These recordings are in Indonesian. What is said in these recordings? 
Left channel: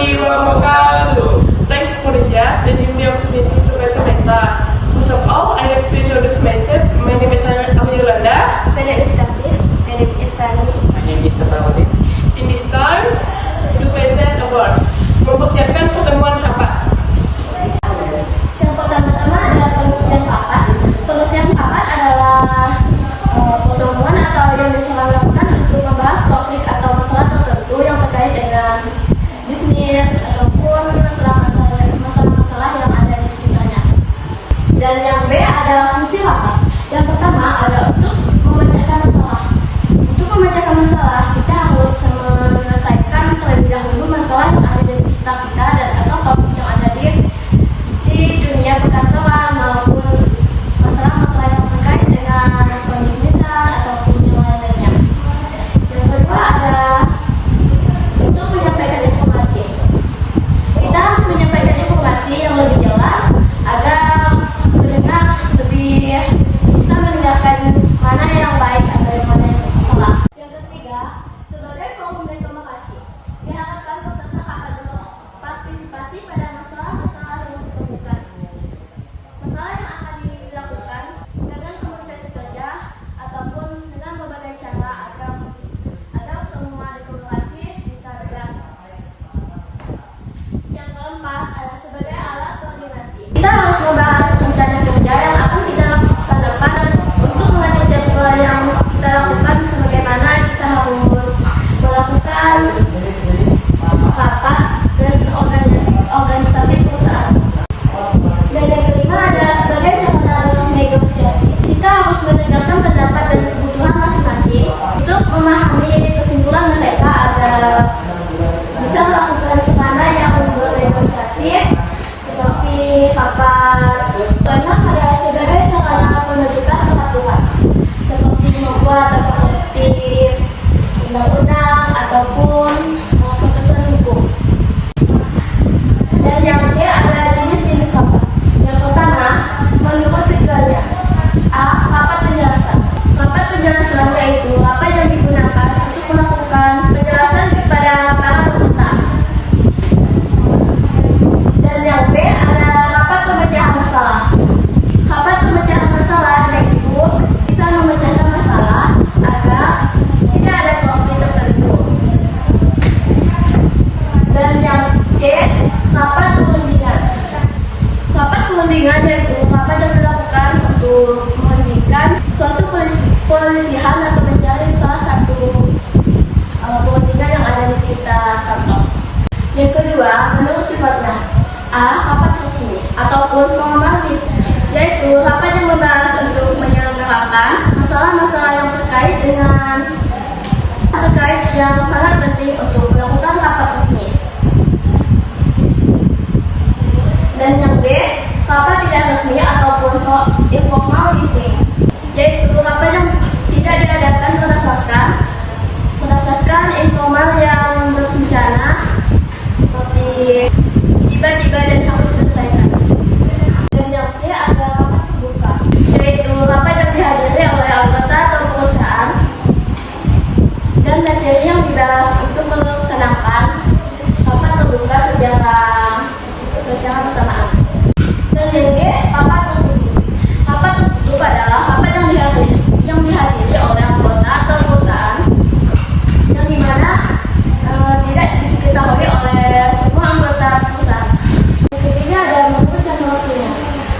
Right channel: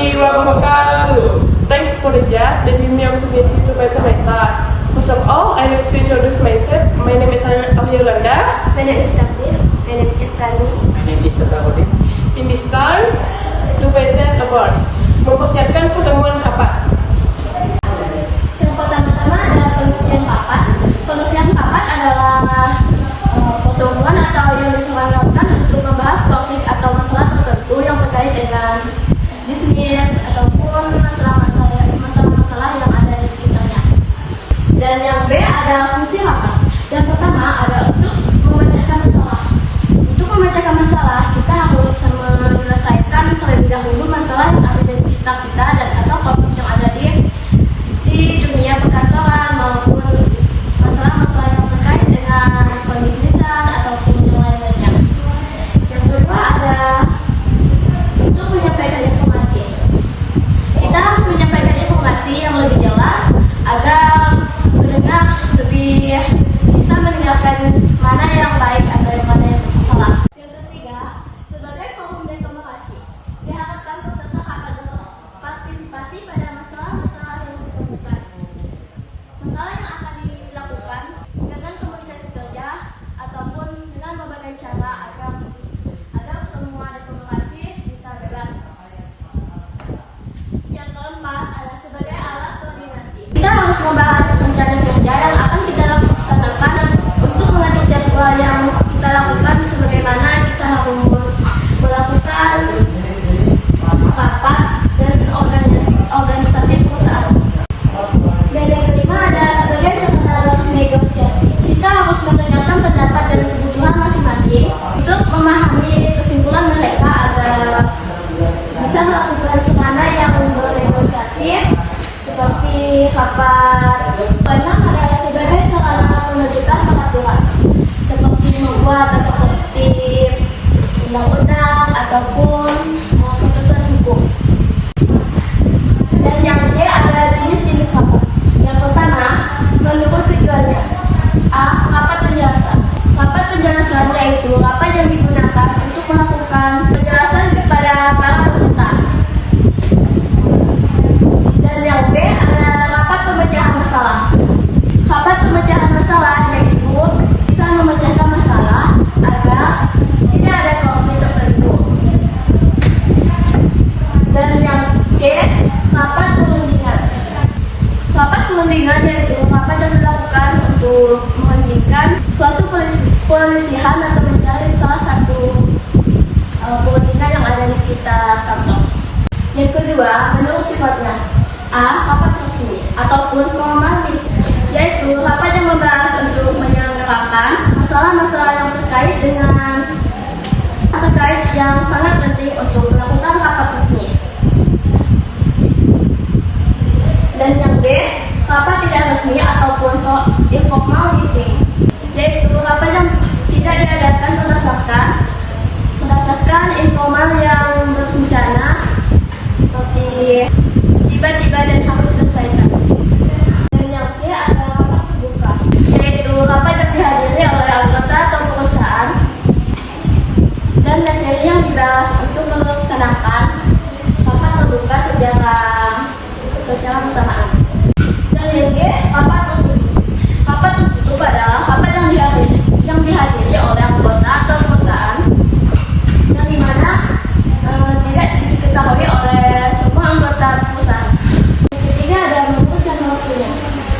Thanks for the chat that give me opportunity to present my talk. First of all, I like to introduce myself. My name is Amilanda. My name is Kasih. My name is Tani. In this time, to present a word. Mempersiapkan pertemuan rapat. Yang pertama-tama adalah pengertian papat. Pengertian papat adalah pertemuan atau yang diselenggarakan untuk membahas topik atau masalah tertentu yang terkait dengan bisnis ataupun masalah-masalah yang ada di sekitarnya. Dan yang B adalah fungsi rapat. Yang pertama adalah untuk memecahkan masalah. Untuk memecahkan masalah, kita harus menyelesaikan terlebih dahulu masalah yang ada di sekitar kita dan atau konflik yang ada di dunia perkantoran maupun masalah-masalah yang terkait dengan pembisnisan ataupun yang lain-lainnya. Yang kedua adalah untuk menyampaikan informasi. Kita harus menyampaikan informasi yang lebih jelas agar pendengar lebih bisa mendengarkan mana yang baik atau yang mana yang salah. Yang ketiga, sebagai forum demokrasi, diharapkan peserta akan berpartisipasi pada masalah-masalah yang ditemukan. Masalah yang akan dilakukan dengan komunikasi kerja ataupun dengan berbagai cara agar semua demokrasi bisa bebas. Yang keempat adalah sebagai alat koordinasi. Kita harus membahas rencana kerja yang akan kita laksanakan untuk mengatur jadwal yang kita lakukan, sebagaimana kita harus melakukan rapat dan organisasi perusahaan. Dan yang kelima adalah sebagai sarana negosiasi. Kita harus mendengarkan pendapat dan kebutuhan masing-masing untuk memahami kesimpulan mereka agar bisa melakukan sarana yang bernegosiasi seperti rapat. Banyak adalah sebagai sarana pembentukan peraturan seperti membuat atau tertib undang-undang ataupun ketentuan hukum. Dan yang C adalah jenis-jenis rapat. Yang pertama, menurut tujuannya. A. Rapat penjelasan. Rapat penjelasan yaitu rapat yang digunakan untuk melakukan penjelasan kepada para peserta. Dan yang B adalah rapat pemecahan masalah. Rapat pemecahan masalah yaitu bisa memecahkan masalah agar tidak ada konflik tertentu. Dan yang C, rapat perundingan. Rapat perundingan yaitu rapat yang dilakukan untuk menghentikan suatu pelisihan atau mencari salah satu perundingan yang ada di sekitar kantor. Yang kedua, menurut sifatnya. A. Rapat resmi ataupun formal, yaitu rapat yang membahas untuk menyelenggarakan masalah-masalah yang terkait yang sangat penting untuk melakukan rapat resmi. Dan yang B, rapat tidak resmi ataupun informal meeting, yaitu rapat yang tidak diadakan berdasarkan informal yang berencana seperti tiba-tiba dan harus diselesaikan. Dan yang C adalah rapat terbuka, yaitu rapat yang dihadiri oleh anggota atau perusahaan dan materi yang dibahas untuk melaksanakan rapat terbuka secara bersamaan. Dan yang D, rapat tertutup. Rapat tertutup adalah rapat yang dihadiri oleh anggota atau perusahaan yang dimana tidak diketahui oleh semua anggota perusahaan. Yang ketiga adalah menurut jangka waktunya.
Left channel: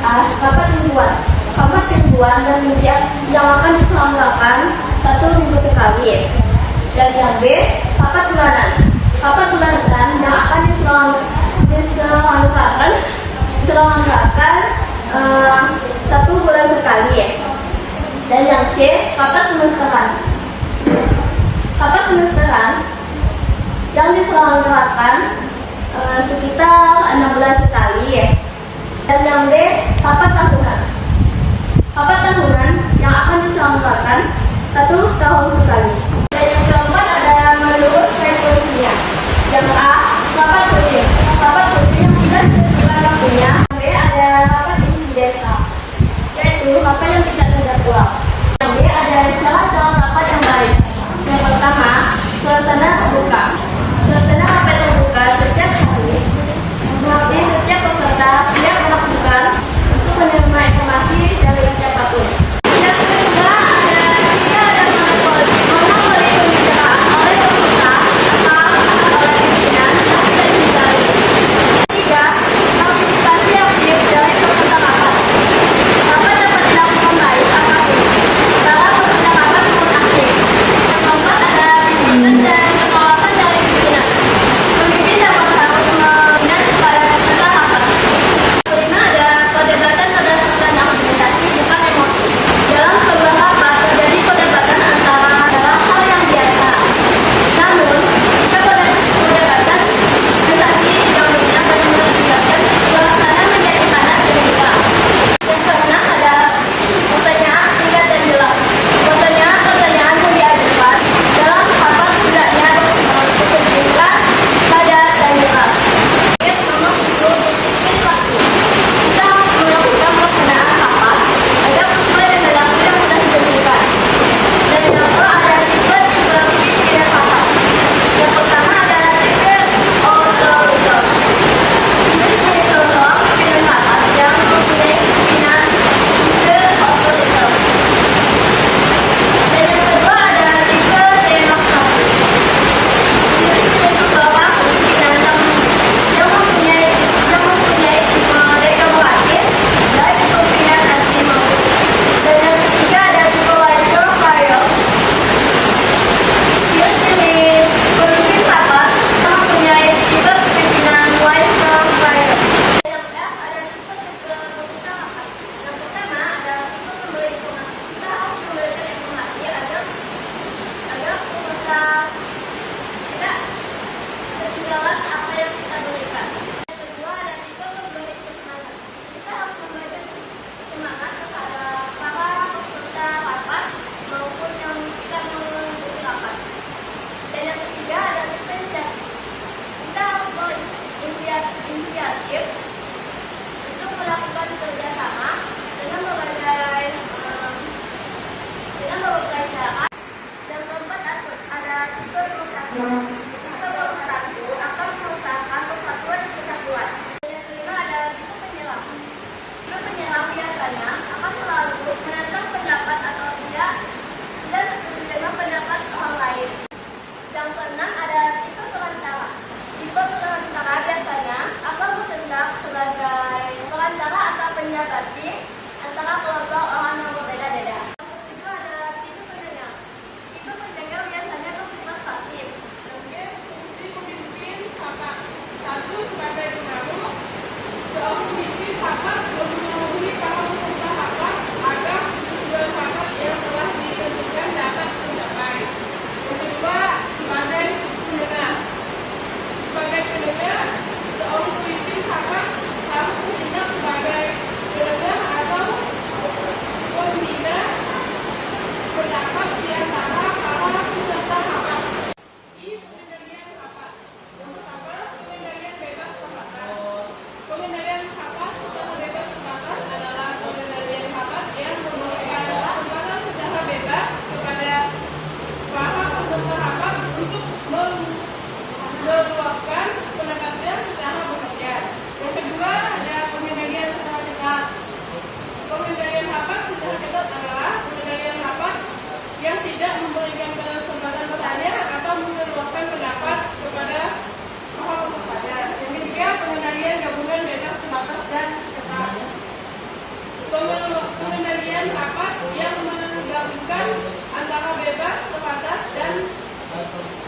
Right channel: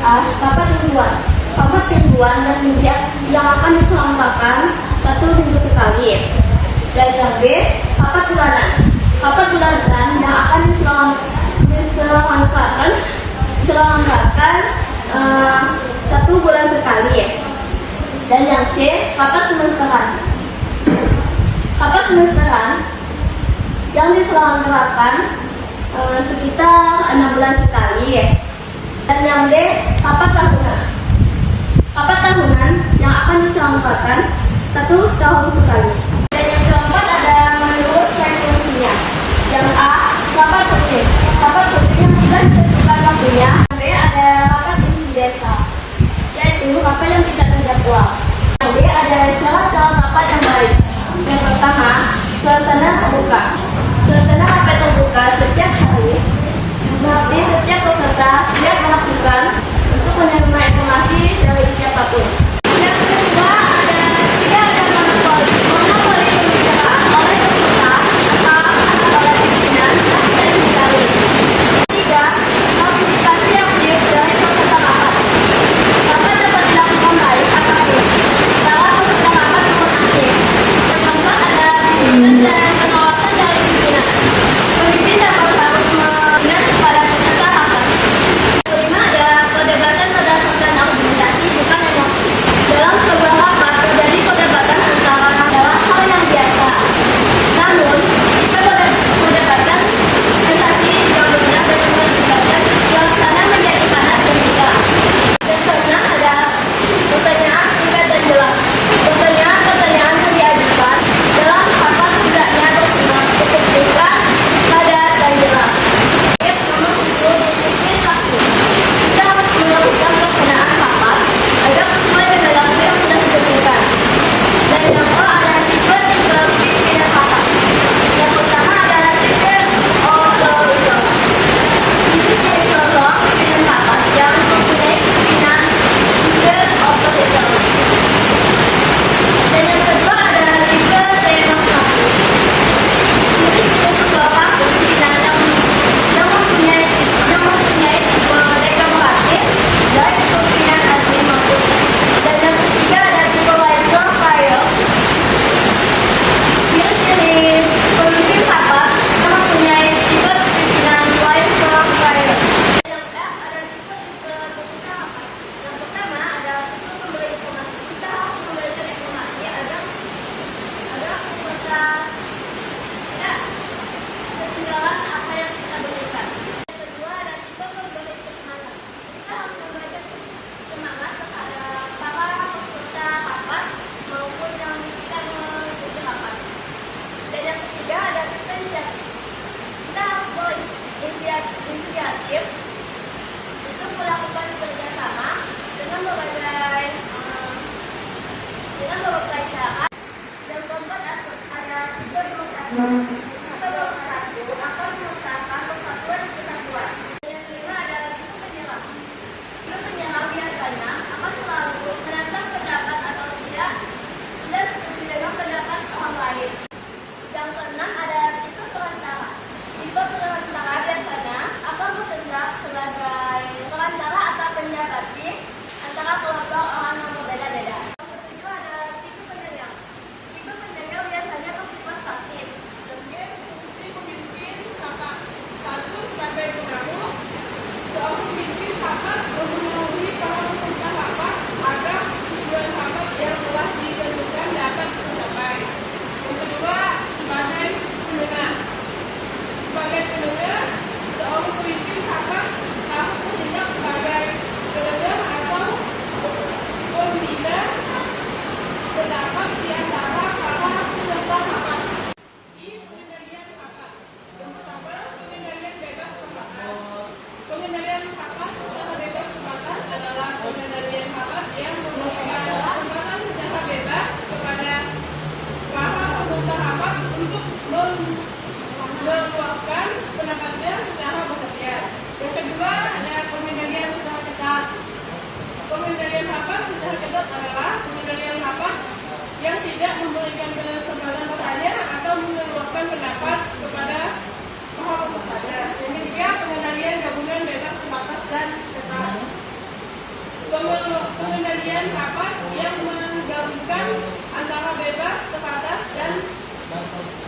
A. Rapat mingguan. Rapat mingguan dan yang akan diselenggarakan 1 minggu sekali. Dan yang B, rapat bulanan. Rapat bulanan yang akan diselenggarakan 1 bulan sekali. Dan yang C, rapat semesteran. Rapat semesteran yang diselenggarakan sekitar 6 bulan sekali. Dan yang D, rapat tahunan. Rapat tahunan yang akan diselenggarakan 1 tahun sekali. Dan yang keempat ada menurut frekuensinya. Yang A, rapat rutin. Rapat rutin yang sudah ditentukan waktunya. Yang B ada rapat insidental, yaitu rapat yang tidak terjadwal. Yang B ada syarat-syarat rapat yang baik. Yang pertama, suasana terbuka. Suasana rapat terbuka setiap hari Di setiap peserta siap melakukan untuk menerima informasi dari siapapun. Yang kedua ada tidak ada monopoli pembicaraan oleh peserta atau oleh pimpinan yang tidak diketahui. Tiga, komunikasi aktif dari peserta rapat. Rapat dapat dilakukan baik atau buruk antara peserta rapat maupun aktif. Yang keempat ada bimbingan dan pengawasan dari pimpinan. Pemimpin dapat harus membina kepada peserta rapat. Kelima ada perdebatan berdasarkan argumentasi bukan emosi. Dalam sebuah rapat terjadi perdebatan antara adalah hal yang biasa. Namun, jika perdebatan argumentasi yang benar dan mengakibatkan suasana menjadi panas dan tegang. Yang keenam ada pertanyaan singkat dan jelas. Pertanyaan-pertanyaan yang diajukan dalam rapat hendaknya bersifat singkat, padat, dan jelas. Yang nomor 7, berpikir waktu. Kita harus melakukan pelaksanaan rapat agar sesuai dengan waktu yang sudah ditentukan. Dan yang kedua ada tipe pimpinan rapat. Yang pertama adalah tipe otoriter. Ini menjadi contoh pimpinan rapat yang mempunyai pimpinan tipe otoriter. Dan yang kedua adalah tipe demokratis. Ini menjadi seseorang pimpinan yang mempunyai tipe demokratis dari kepemimpinan asli maupun. Dan yang ketiga ada tipe Weissenfeld. Ciri-ciri pemimpin rapat mempunyai tipe kepemimpinan Weissenfeld. Yang keempat ada tipe peserta rapat. Yang pertama ada tipe pemberi informasi. Kita harus memberikan informasi agar peserta tidak ketinggalan apa yang kita berikan. Yang kedua ada tipe memberi semangat. Kita harus memberikan semangat kepada para peserta rapat maupun yang kita mengikuti rapat. Dan yang ketiga ada tipe inisiatif. Kita harus berinisiatif untuk melakukan kerjasama dengan berbagai syarat. Yang keempat ada tipe pemersatu. Tipe pemersatu akan mengusahakan persatuan dan kesatuan. Yang kelima ada tipe penyerang. Tipe penyerang biasanya akan selalu menentang pendapat atau tidak setuju dengan pendapat orang lain. Yang keenam ada tipe perantara. Tipe perantara biasanya akan bertindak sebagai perantara atau penjaga tim antara kelompok orang yang berbeda-beda. Yang ketujuh ada tipe pendengar. Tipe pendengar biasanya bersifat pasif. Fungsi pemimpin rapat. 1. Sebagai pengaruh. Seorang pemimpin rapat mempengaruhi para peserta rapat agar tujuan rapat yang telah ditentukan dapat tercapai. Yang kedua, sebagai pendengar. Sebagai pendengar, seorang pemimpin rapat harus bertindak sebagai pendengar atau pembina pendapat di antara para peserta rapat. Pengendalian rapat. Yang pertama, pengendalian bebas terbatas. Pengendalian rapat secara bebas terbatas adalah pengendalian rapat yang memberikan kesempatan secara bebas kepada para peserta rapat untuk mengeluarkan pendapatnya secara bekerja. Yang kedua, ada pengendalian secara ketat. Pengendalian rapat secara ketat adalah pengendalian rapat yang tidak memberikan kesempatan bertanya atau mengeluarkan pendapat kepada para pesertanya. Yang ketiga, pengendalian gabungan bebas terbatas dan ketat. Pengendalian rapat yang menggabungkan antara bebas, terbatas, dan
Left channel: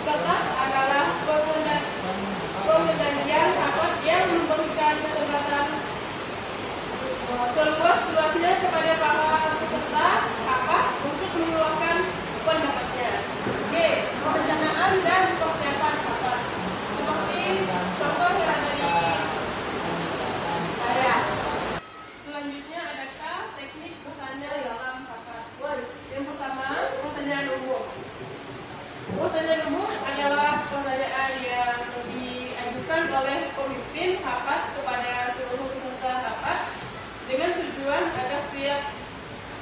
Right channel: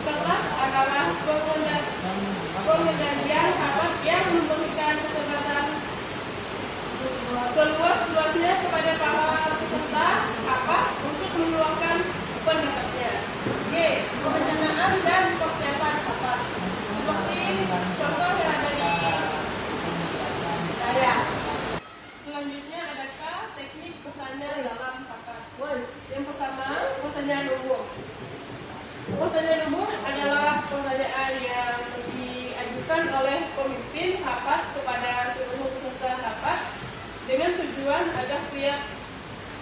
ketat adalah pengendalian rapat yang memberikan kesempatan seluas-luasnya kepada para peserta rapat untuk mengeluarkan pendapatnya. G. Perencanaan dan persiapan rapat. Seperti contoh yang ada di saya. Selanjutnya adakah teknik bertanya dalam rapat? Yang pertama, pertanyaan umum. Pertanyaan umum adalah pertanyaan yang diajukan oleh pemimpin rapat kepada seluruh peserta rapat dengan tujuan agar setiap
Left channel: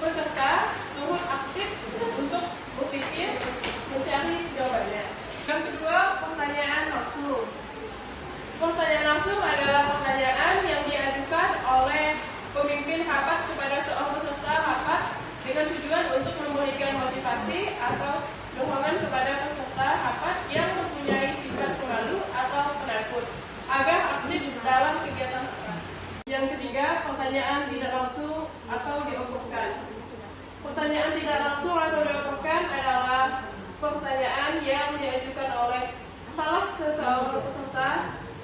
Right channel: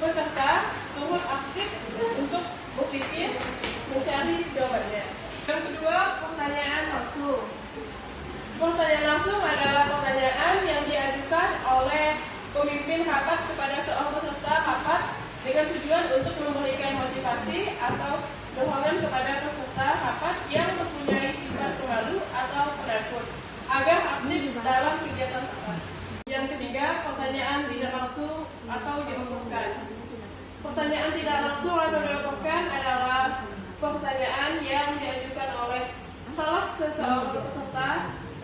peserta turut aktif untuk berpikir mencari jawabannya. Yang kedua, pertanyaan langsung. Pertanyaan langsung adalah pertanyaan yang diajukan oleh pemimpin rapat kepada seorang peserta rapat dengan tujuan untuk memberikan motivasi atau dorongan kepada peserta rapat yang mempunyai sifat pemalu atau penakut agar aktif dalam kegiatan rapat. Yang ketiga, pertanyaan tidak langsung atau diomongkan. Pertanyaan tidak langsung atau diomongkan adalah pertanyaan yang diajukan oleh salah seseorang peserta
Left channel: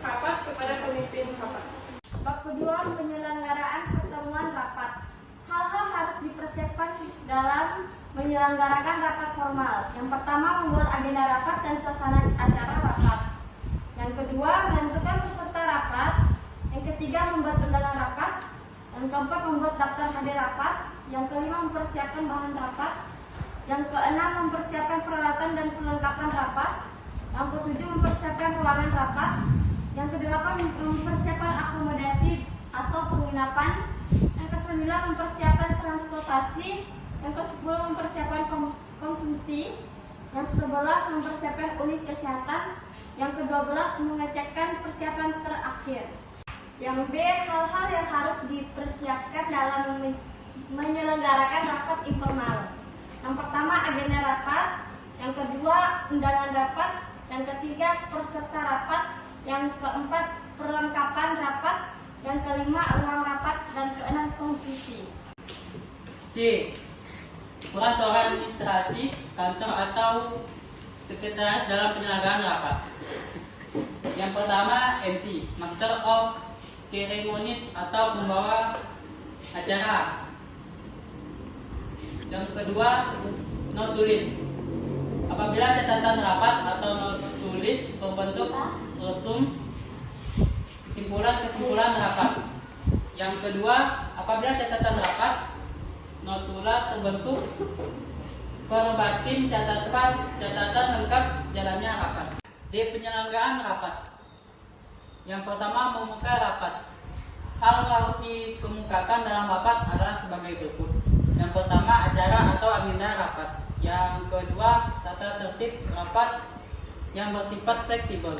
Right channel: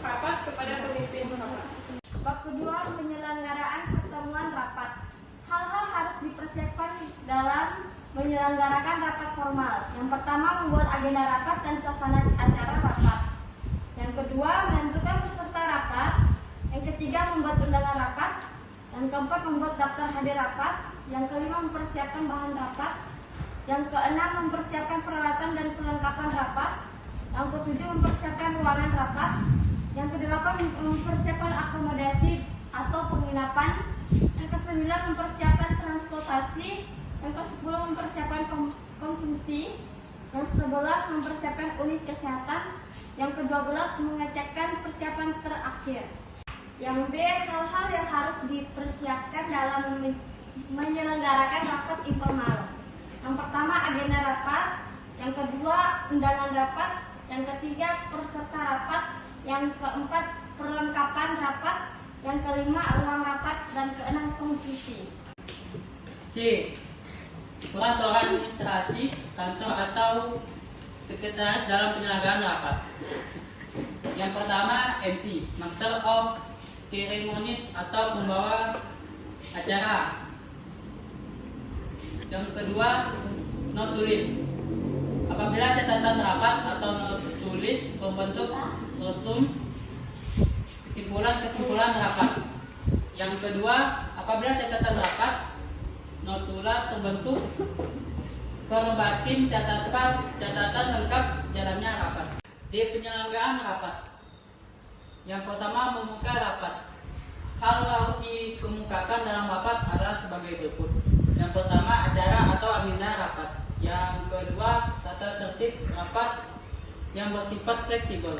rapat kepada pemimpin rapat. Bab kedua, penyelenggaraan pertemuan rapat. Hal-hal harus dipersiapkan dalam menyelenggarakan rapat formal. Yang pertama, membuat agenda rapat dan suasana acara rapat. Yang kedua, menentukan peserta rapat. Yang ketiga, membuat undangan rapat. Yang keempat, membuat daftar hadir rapat. Yang kelima, mempersiapkan bahan rapat. Yang keenam, mempersiapkan peralatan dan perlengkapan rapat. Yang ketujuh, mempersiapkan ruangan rapat. Yang kedelapan, mempersiapkan akomodasi atau penginapan. Yang kesembilan, mempersiapkan transportasi. Yang kesepuluh, mempersiapkan konsumsi. Yang kesebelas, mempersiapkan unit kesehatan. Yang kedua-belas, mengecekkan persiapan terakhir. Yang B, hal-hal yang harus dipersiapkan dalam menyelenggarakan rapat informal. Yang pertama, agenda rapat. Yang kedua, undangan rapat. Yang ketiga, peserta rapat. Yang keempat, perlengkapan rapat. Yang kelima, ruang rapat. Dan keenam, konklusi. C. Peran seorang administrasi kantor atau sekretaris dalam penyelenggaraan rapat. Yang pertama, MC, Master of Ceremonies atau pembawa acara. Yang kedua, note tulis. Apabila catatan rapat atau note tulis berbentuk resum kesimpulan rapat. Yang kedua, apabila catatan rapat notula terbentuk verbatim catatan lengkap jalannya rapat. Di penyelenggaraan rapat. Yang pertama, membuka rapat. Hal yang harus dikemukakan dalam rapat adalah sebagai berikut. Yang pertama, acara atau agenda rapat. Yang kedua, tata tertib rapat yang bersifat fleksibel.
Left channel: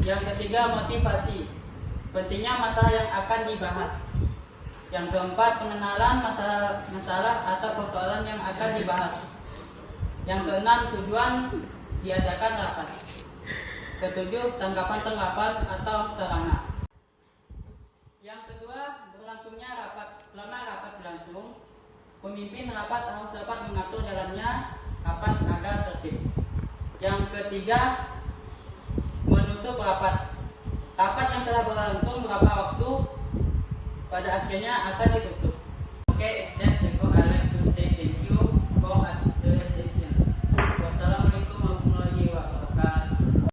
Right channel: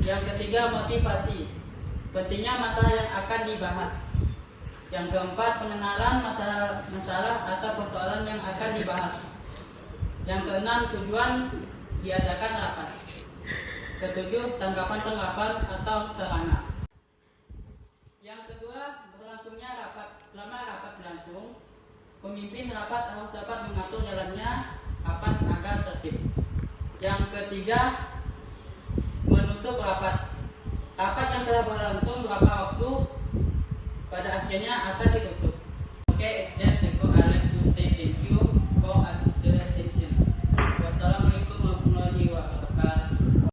Yang ketiga, motivasi. Pentingnya masalah yang akan dibahas. Yang keempat, pengenalan masalah atau persoalan yang akan dibahas. Yang keenam, tujuan diadakan rapat. Ketujuh, tanggapan atau sarana. Yang kedua, berlangsungnya rapat. Selama rapat berlangsung, pemimpin rapat harus dapat mengatur jalannya rapat agar tertib. Yang ketiga, menutup rapat. Rapat yang telah berlangsung beberapa waktu pada akhirnya akan ditutup.